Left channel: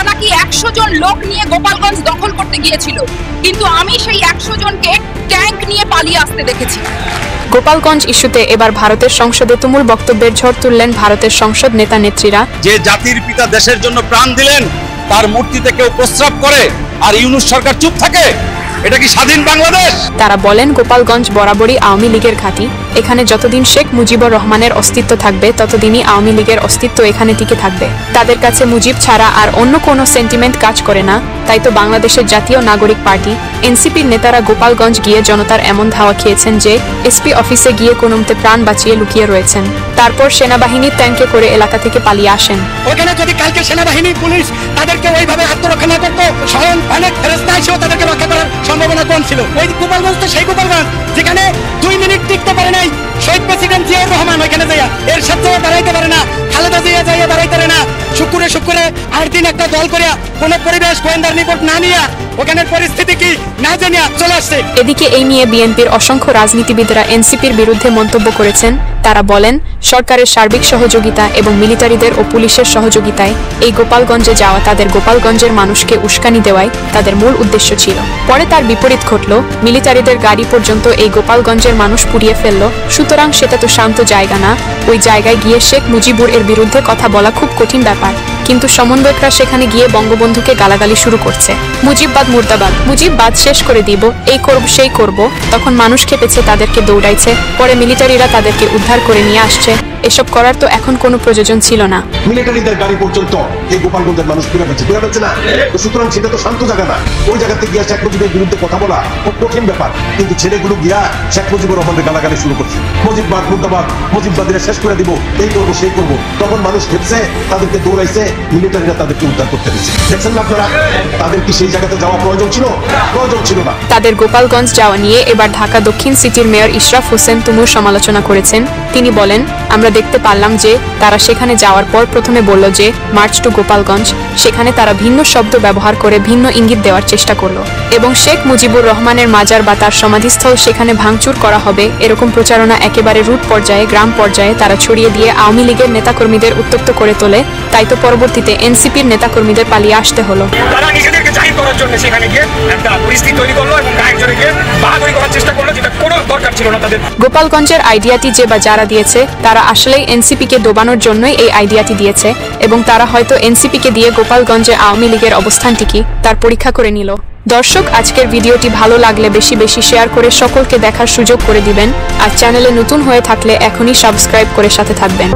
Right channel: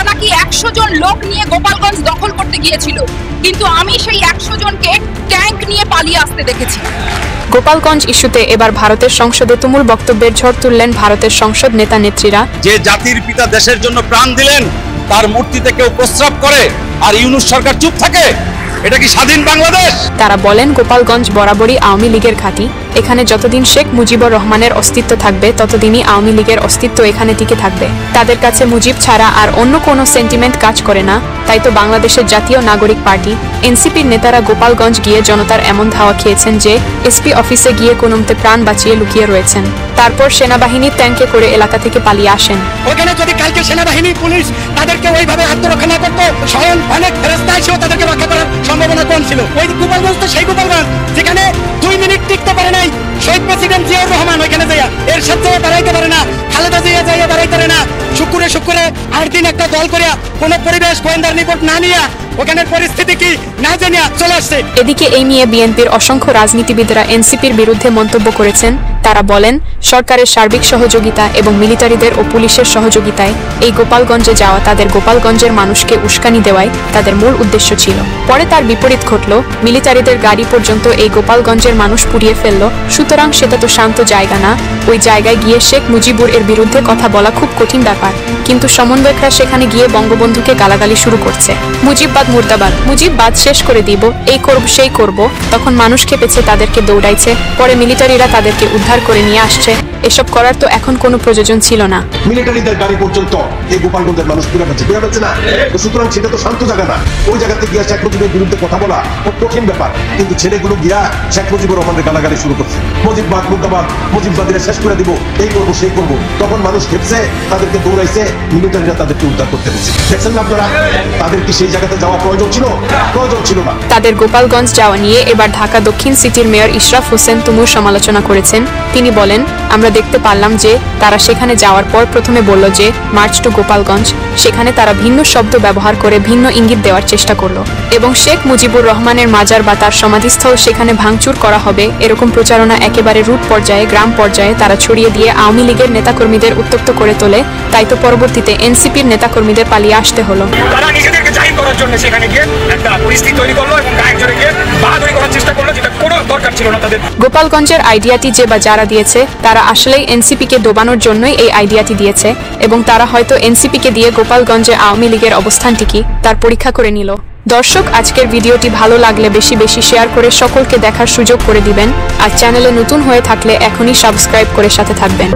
তারা নাকি 100 জন লোক নিয়ে গোপালগঞ্জ দখল করতে গিয়েছিল, কিন্তু আমি সেই 100 জনকে ট্যাঙ্ক নিয়ে পালিয়ে আসতে দেখেছি। গোপালগঞ্জ ইস্যুতে এবার ভারতের সংসদে তুমুল বক্তব্যের ঝড় তুললেন ভারতের সংসদ নেতা নেত্রীরা। যে জাতির পিতা দেশের জন্য প্রাণ দিলেন তার মূর্তিতে কেউ প্রস্রাব করে আর ইউনূস সরকার চুপ থাকে, এটা কি স্বাধীন বাংলাদেশ? তারা বলেন গোপালগঞ্জ বরাবরই আওয়ামী লীগের ঘাঁটি, এখানে যতদিন শেখ মুজিবুর রহমানের অস্তিত্ব থাকবে ততদিনই আওয়ামী লীগের অস্তিত্ব এখানে টিকে থাকবে। তাদের কাছে মুজিব ছাড়া আর অন্য কোনো সেন্টিমেন্ট কাজ করে না, তাই তো বাংলাদেশের জাতীয় নাগরিক পার্টি এনসিপির নেতারা গোপালগঞ্জ গিয়ে জনতার এমন ধাওয়া খেয়েছেন যে এসপি অফিসে গিয়ে কোনোমতে প্রাণ বাঁচিয়ে লুকিয়ে রয়েছেন। তারপর সেনাবাহিনীর ট্যাঙ্কে করে এলাকা থেকে পালিয়ে আসেন। ওখানে যদি কালকে সেনাবাহিনী পুলিশ তাদেরকে ওইভাবে আত্মরক্ষা না করতো, স্বয়ং অনেক ফেরেস্তা এসেও তাদেরকে রক্ষা করার সম্ভাবনা কম ছিল। ওই গোপালগঞ্জ তো সেই গোপালগঞ্জ যেখানে 2 মিনিট টিকতে পারে নাই শহীদ প্রেসিডেন্ট জিয়াউর রহমান, ওইখানে যাইয়া এর সাথে দাঁড়াইতে পারে না, খালেদা জিয়া যাইয়া দাঁড়াইতে পারে না। শুক্রে 8 দিন একটা দল করিয়া কোন পরিবেশ গোয়েন্দার রিপোর্ট না নিয়া ওখানের পরিস্থিতি কি না জানিয়া চলে আসছে। এদিকে এই নিয়ে বিএনপির অসংখ্য রাজনীতিবিদরা এনসিপির বিরুদ্ধে মন্তব্য করেছেন। তারা বলেন সরকারের সার্বিক সহযোগিতা এবং মিলিটারিদের ও পুলিশের সহযোগিতায় এই গোপালগঞ্জে যাওয়া তাদের গোপালগঞ্জের মানুষকে উস্কানি দেওয়াই তাদের মূল উদ্দেশ্য ছিল। পরে তার বিপরীত ঘটল, মিলিটারিদের গাড়ি পর্যন্ত এই গোপালগঞ্জের মানুষ পুড়িয়ে ফেলল। সুতরাং সেটা তো শান্ত জায়গা না, ওই জায়গায় গিয়ে শেখ মুজিবুর এর বিরুদ্ধে কথা বলা খুব কঠিন ব্যাপার। কিন্তু সমন্বয়করা সেখানে গিয়ে বঙ্গবন্ধুকে গালাগালি শুরু করছে, মুজিববাদ মুর্দাবাদ, মুজিববাদ শেষ করে দিব, এই করব সেই করব। তখন মানুষ খেপেছে, তাদেরকে দৌড়াইছে, পরে মিলিটারিরা তাদেরকে উদ্ধার করে নিয়ে আসছে। এসব করার তো এখন কোনো প্রয়োজন ছিল না। মিলিটারিদের গাড়ি পর্যন্ত সুতরাং সেটা তো শান্ত জায়গা না, ওই জায়গাতে গিয়ে শেখ মুজিবের বিরুদ্ধে কথা বলা খুব কঠিন ব্যাপার। কিন্তু ছেলেগুলো শেখ মুজিবের রহমানের গালাগালি শুরু করছে, মুজিববাদ মুর্দাবাদ, মুজিববাদের শেষ করে দিব, এই করবো সেই করবো। তখন মানুষ খেপছে, তাদেরকে দৌড়াইছে, মিলিটারিরা তাদেরকে উদ্ধার করতে পেরেছে। দেখছেন না আপনারা, তাদেরকে সেই জায়গাতে যাওয়া প্রয়োজন ছিল না। তাদের গোপালগঞ্জ যাওয়া নিয়ে এবার ঢাকা দক্ষিণ সিটির মেয়র ইশরাফ হোসেন তুমুল সমালোচনা করেছেন। তিনি বলেন, আমরা দেখতে পারলাম যে তারা সেখানে যাওয়ার পর প্রথমে বলল যে মার্চ টু গোপালগঞ্জ, সেখানে তারা ভিন্ন শব্দ ব্যবহার করে ভিন্ন ইঙ্গিত দেওয়ার চেষ্টা করলো এবং শেখ মুজিবুর রহমানের মাজার বা তার সমাধিস্থল সেখানে ভাঙচুর করা হবে এরকম প্রচারণা একেবারে রুট পর্যায়ে, গ্রাম পর্যায়ে তারা ছড়িয়ে দিয়ে আওয়ামী লীগের নেতাকর্মীদের উত্তপ্ত করে তোলে। তাই তো পরবর্তীতে এনসিপির নেতাকর্মীদের পালিয়ে আসতে হলো। তারা নিজেদেরকে জাহির করার জন্য সেখানে গিয়ে একটা পরিস্থিতি তৈরি করলো এবং একজনকে বাহাদুরি করার চেষ্টা করলো, যেটা কোনো দরকার ছিল না তাদের। গোপালগঞ্জের আইডিয়াটি যে বা যারা দিয়েছে তারা আসলেই এনসিপিকে ডোবানোর জন্যই এই আইডিয়াটি দিয়েছে এবং তারা হয়তো এনসিপিকে দিয়ে গোপালগঞ্জে আওয়ামী লীগের অবস্থানটি কি তার পরীক্ষা করে নিল। দর্শক, আজকের ভিডিওটি ভালো লাগলে বেশি বেশি শেয়ার করে সকলকে দেখার সুযোগ করে দিবেন। আর চ্যানেলে নতুন হয়ে থাকলে এখনই সাবস্ক্রাইব করে সাথে থাকবেন।